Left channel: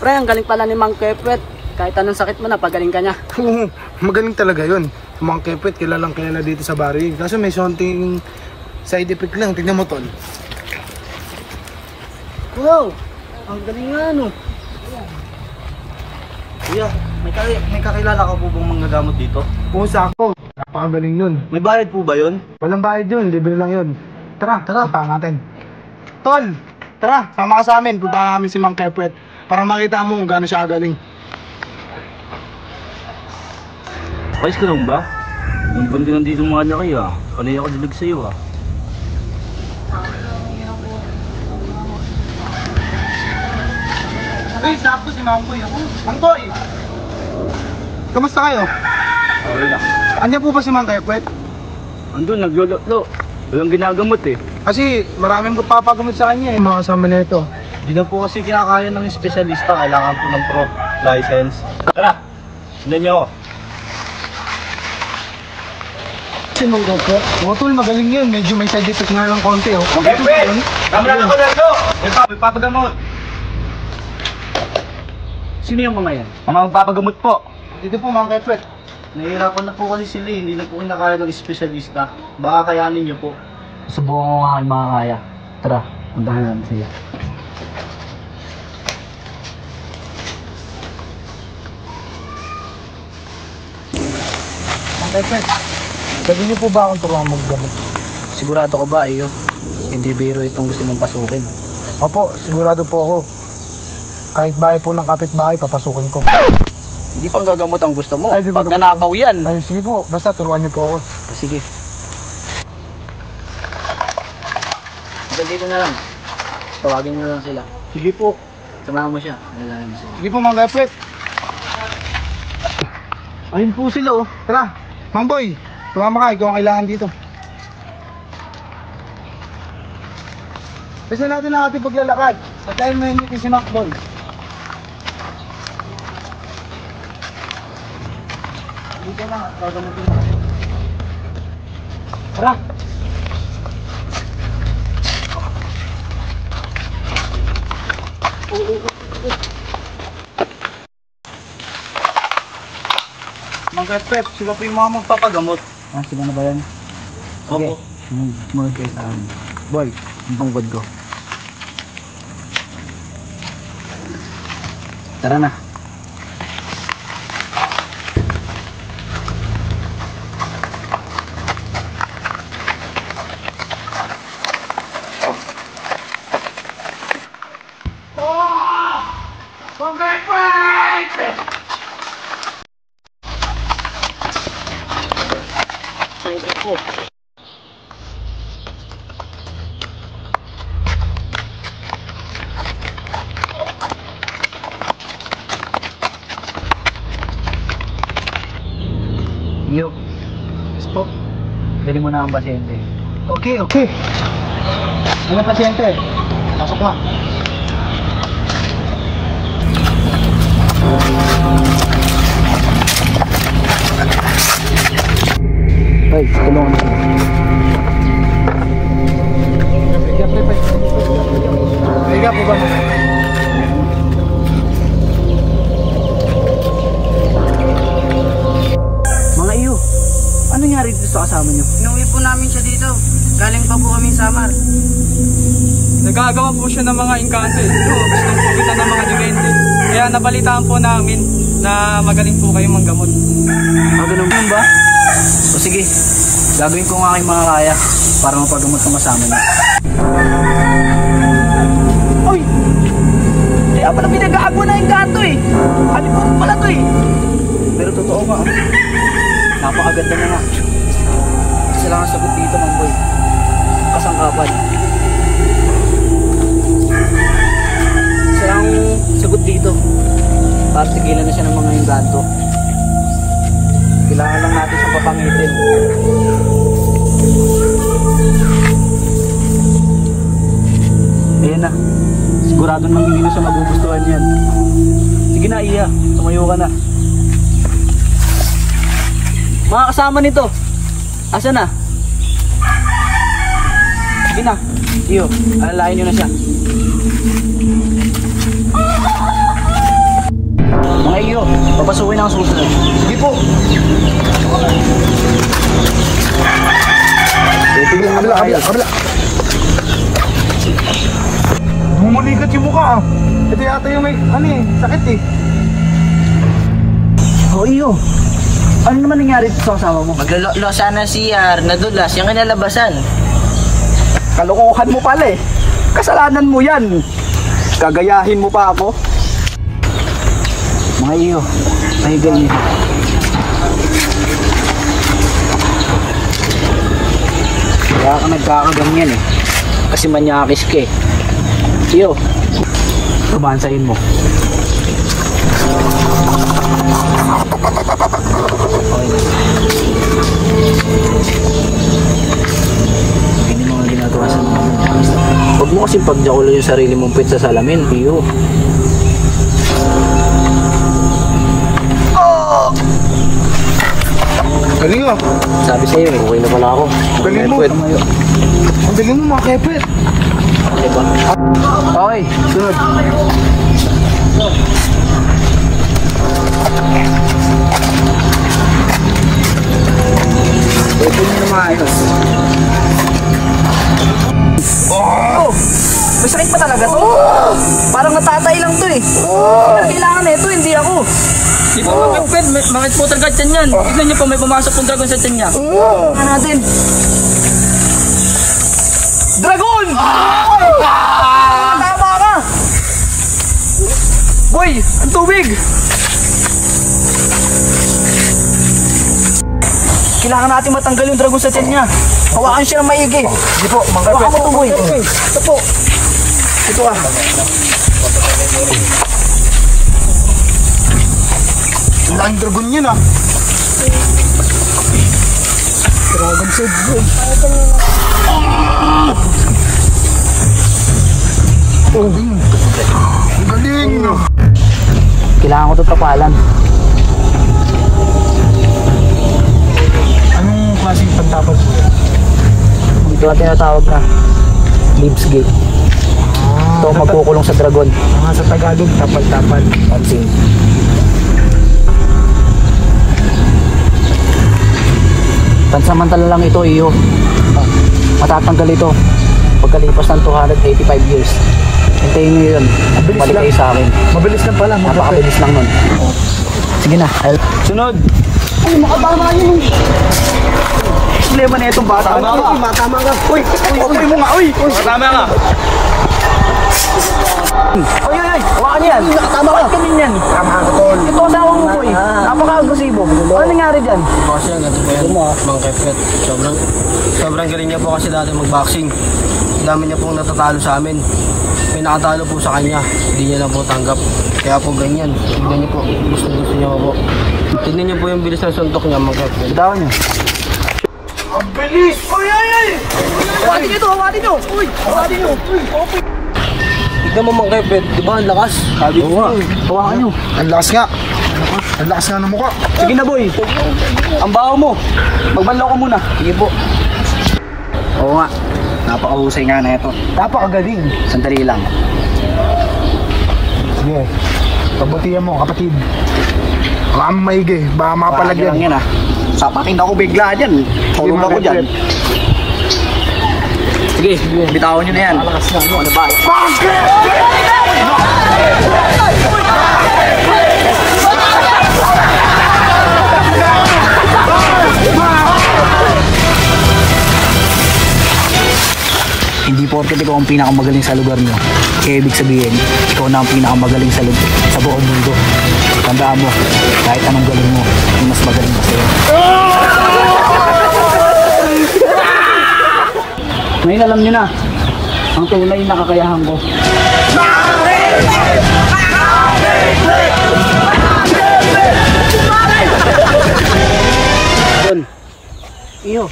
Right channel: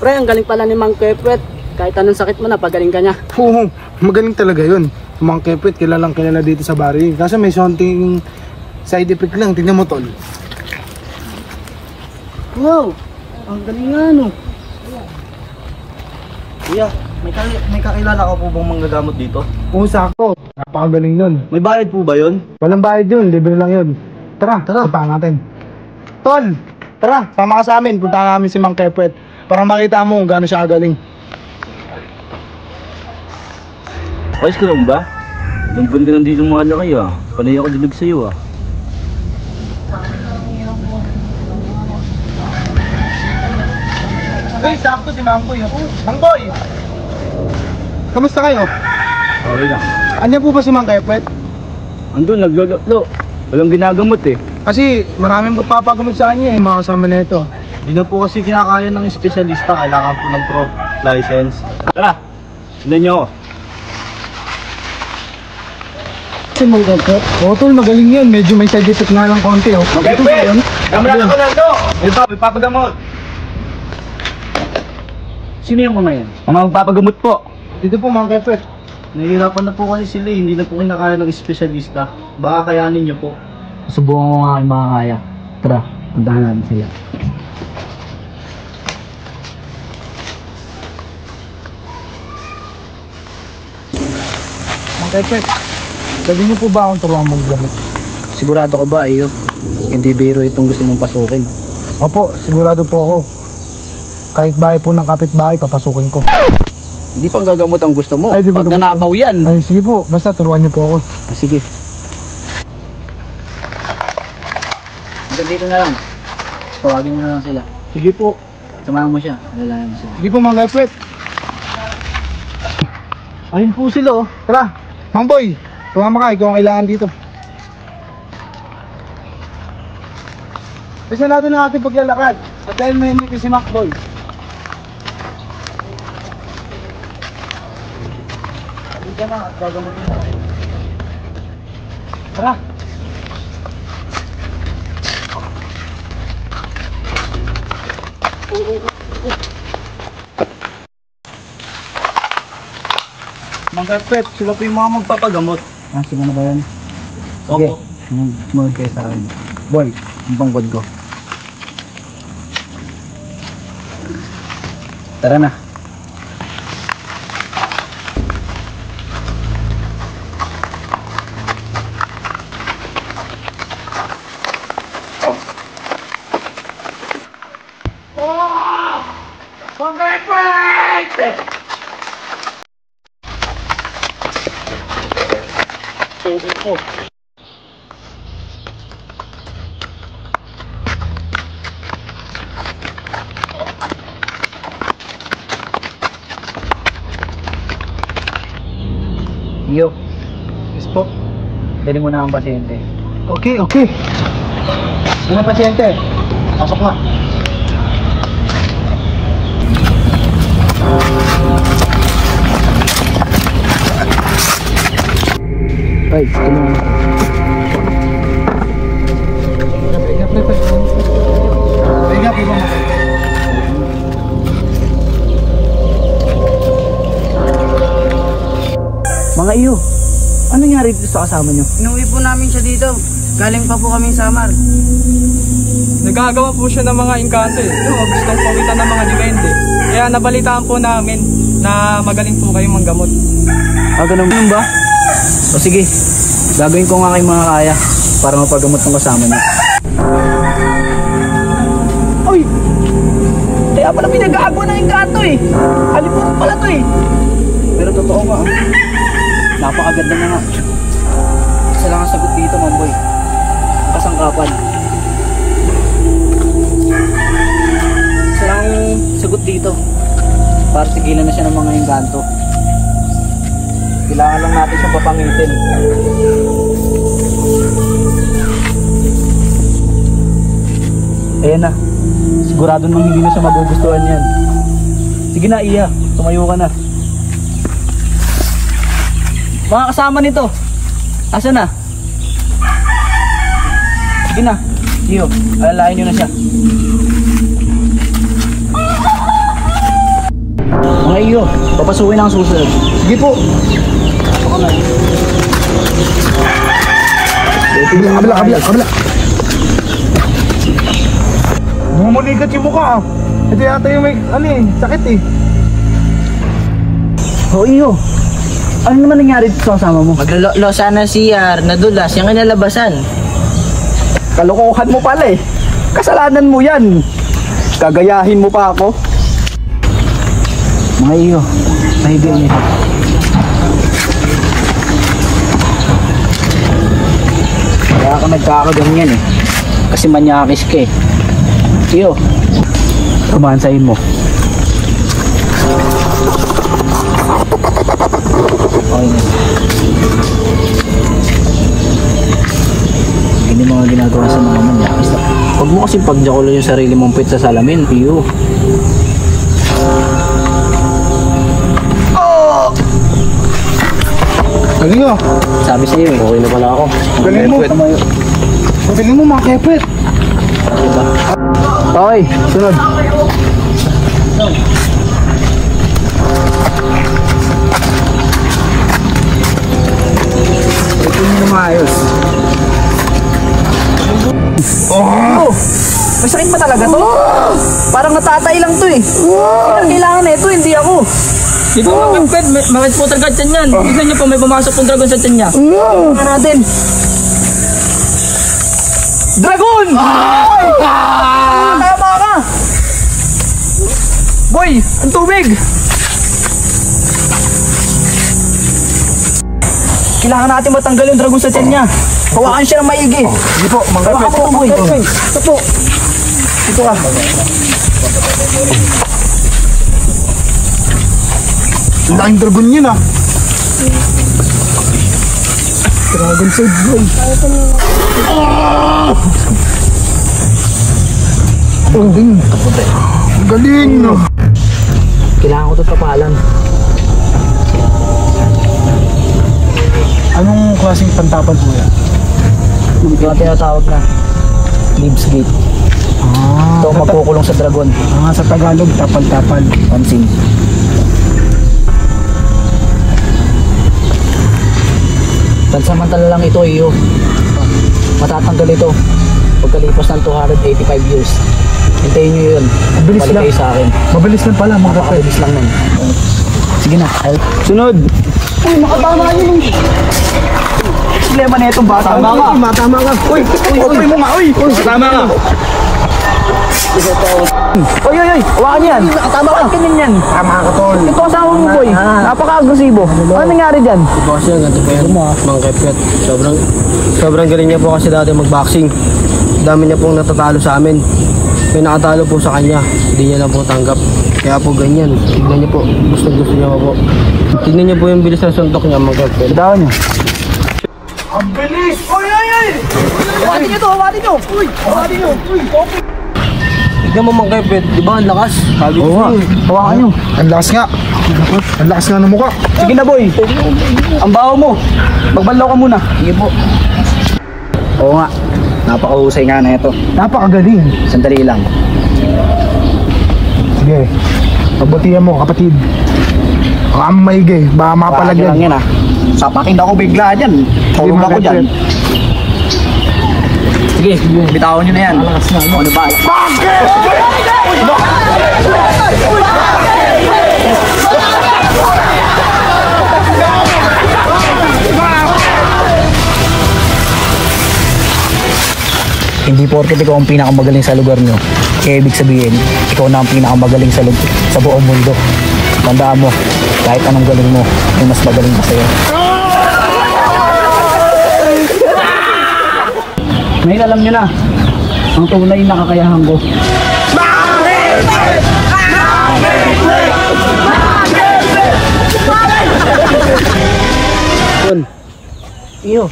Pre, ang galing pala ni Mang Kepwet. Kahit anong sakit mo, napagaling ka niya. Oo, magaling talaga yun. Mang Kepwet, kilalang kilala dito sa barrio. Kaso may sonting side effect lang. Tingnan mo, tol. Wow, ang galing nga no. Kuya, may kakilala ka po bang manggagamot dito? Oo, sakto. Napakagaling nun. May bayad po ba yun? Walang bayad yun, libre lang yun. Tara, punta natin. Tol, tara, sama ka sa amin. Punta namin si Mang Kepwet para makita mo kung gaano siya kagaling. Ayos ka lang ba? Lampan ka nandito mga laki ah. Panay ako dilag sa'yo ah. Hey, sakto si Mang Boy. Mang Boy! Kamusta kayo? Okay lang. Andiyan po ba si Mang Kepwet? Andun, naglulotlo. Walang ginagamot eh. Kasi maraming papagamot sa kanya eh, mga kasama na ito. Hindi na po kasi kinakaya ng espesyalista. Kailangan po ng pro license. Tara! Sundan niyo ako. Si Mang Kepwet? Oo, tol, magaling yan. Medyo may side effect nga lang konti oh. Kepwet! Kami na ako nando! Ito, may papagamot. Sino yung mga yan? Mga magpapagamot po. Dito po, Mang Kepwet. Nahihirapan na po kasi sila eh. Hindi na po kinakaya ng espesyalista. Baka kayanin niyo po. Subukan mo nga ang mga kaya. Tara, puntahan natin siya. Mang Kepwet, sabi niyo po ba akong turuan maggamot? Sigurado ka ba, iyo? Hindi biro itong gusto mong pasukin. Opo, sigurado po ako. Kahit bahay po ng kapitbahay, papasukin ko. Hindi pang gagamot ang gusto mo. Ay, di ba Pag nanabaw yan. Ay, sige po. Basta turuan niyo po ako. Sige. Dito na lang. Tawagin nyo na lang sila. Sige po. Samahan mo siya. Alalayan mo sila. Sige po, Mang Kepwet. Ayun po sila oh. Tara, Mang Boy. Tumama ka, ikaw ang kailangan dito. Kasi natin ang ating paglalakad. At dahil may si Mang Boy. Dito na, at gagamutin na. Tara. Mang Kepwet, sila po yung mga magpapagamot. Ah, sino na ba yan? Opo. Sumunod kayo sa akin. Boy, ang pangkod ko. Tara na. Mang Kepwet! Oh. Iyo, Yes po. dali mo na ang pasyente. Okay, okay. Ano pasyente? Pasok na. Ay, tulungan mo. Higa po ba? Mga iyo, ano nangyari dito sa kasama nyo? Inuwi po namin siya dito. Galing pa po kaming Samar. Nagagawa po siya ng mga engkanto eh. Gustong pawitan ng mga depende. Kaya nabalitaan po namin na magaling po kayong manggamot. Ah, ganun ba? O sige, gagawin ko nga kayo mga kaya para mapagamot ng kasama niyo. Uy! Kaya pala pinag-aago na yung kanto eh! Alipot pala to eh! Pero totoo nga, napakaganda na nga. Isa lang ang sagot dito, Mamboy. Kasangkapan. Isa lang ang sagot dito para sigilan na siya ng mga engkanto. Kailangan lang natin siyang papangitin. Ayan na. Sigurado nang hindi na siya magugustuhan yan. Sige na, Iya. Tumayo ka na. Mga kasama nito. Asa na? Sige na. Iyo, alalayan nyo na siya. iyo. Papasukin ang susunod. Sige po. Kabila. Bumuligat yung mukha ah. Ito yata yung may, sakit eh. O iyo. Ano naman nangyari dito sa kasama mo? Maglolo sana CR, nadulas, yung kinalabasan. Kalokohan mo pala eh. Kasalanan mo yan. Gagayahin mo pa ako. Mga iyo, pahiga niyo. Kaya ka nagkakaganyan eh. Kasi manyakis ka eh. Iyo, kabansayin mo. Okay na. Hindi mga ginagawa sa mga manyakis. Huwag mo kasi pagjakulo yung sarili mong pit sa salamin, iyo. Galing oh. Sabi sa'yo eh. Okay na pala ako. Galing mo. Galing mo mga kepet. Okay, sunod. Ito nyo maayos. Oh! May sakit ba talaga to? Parang natatay lang to eh. Ang kailangan na ito, hindi ako. Hindi po kapit, bakit po talaga dyan yan? Gusto niyo po may pumasok pong dragon sa dyan niya. Tingnan natin. Dragon! Tama ka! Boy, ang tubig! Kailangan natin matanggal yung dragon sa tiyan niya. Hawakan siya ng maigi. Hawakan mo ito, boy. Ito ka. Ang laking dragon yun ah. Dragon food boy. Ang galing no. Kailangan ko ito tapalan. Anong klaseng pantapan mo yan? Ito ang tinatawag na Leaves Gate. Ito ang magkukulong sa dragon. Sa Tagalog, tapal-tapal. Pansin. Pansamantala lang ito iyo. Matatanggal ito pagkalipas ng 285 years. Hintayin nyo yun. Mabilis Balik lang. kayo sa akin. Mabilis lang pala mga kepet. Napakabilis lang nun. Sige na. Sunod. Makatama yun. Problema na itong bata. Matama ka. Uy, uy mo nga. Uy, Tama nga. Uy. Huwag yan. Tama ka. Kinin yan. Yung pakasama mo boy. Napaka-agresibo. Ano nangyari dyan? Boss yan, ganito po yan. Mang Kepet. Sobrang galing niya po kasi dati mag-boxing. Dami niya pong natatalo sa amin. May nakatalo po sa kanya. Hindi niya lang po tanggap. Kaya po ganyan. Tignan niyo po. Gusto niya po. Tignan niyo po yung bilis ng suntok niya, Mang Kepet. Bitawan niyo. Ang bilis! Hawatin niyo to. Hawatin niyo. Uy, hawatin niyo. Uy, okay. Tignan mo, Mang Kepet. Di ba ang lakas? Sabi ko Oo nga. sa'yo. Hawakan niyo. Ang lakas nga. Ang lakas nga ng mukha. Sige na boy. Ang baho mo. Magbanlaw ka muna. Sige po. Oo nga. Napakahusay nga na ito. Napakagaling. Sandali lang. Sige. Pagbutihan mo kapatid. Baka maigi. Baka Palagyan mapalagyan. lang yan ah. Sapakin ako bigla dyan. Tulog ako dyan. Sige, bitawan nyo na yan. Ano ba? Hindi porket ikaw ang pinakamagaling sa lugar nyo, kaya ibig sabihin, ikaw na ang pinakamagaling sa buong mundo. Tandaan mo, kahit anong galing mo, may mas magaling pa sa'yo. Ngayon alam nyo na, ang tunay na kakayahan ko. Iyo,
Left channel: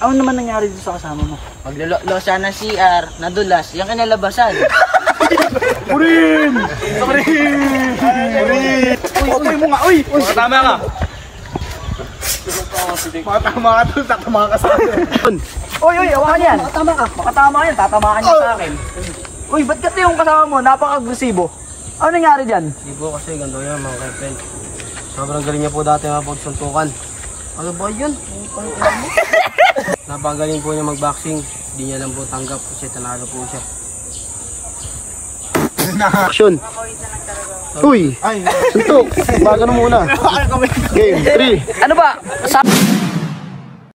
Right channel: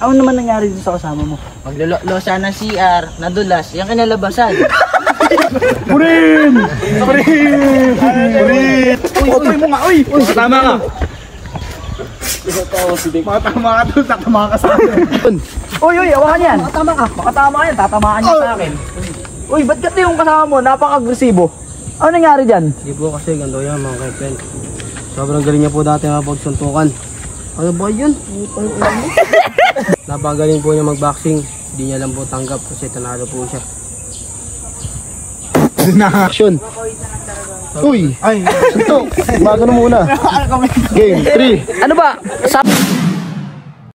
ano naman nangyari dito sa kasama mo? Maglolo sana CR, nadulas, yung kinalabasan. Purin! Uy mo nga, uy! Tama nga. Matama ka doon sa mga kasama. Uy, awakan yan! Makatama ka yan, tatamaan niya sa akin. Uy, ba't kasi yung kasama mo, napaka-agresibo? Ano nangyari dyan? Hindi po kasi ganito yan mga ka-friend. Sobrang galing niya po dati mapagsuntukan. Ano ba yun? Napagaling po niya mag-boxing. Hindi niya lang po tanggap kasi tanalo po siya. Action! Uy! Suntok! Magano muna. Game 3. Ano ba?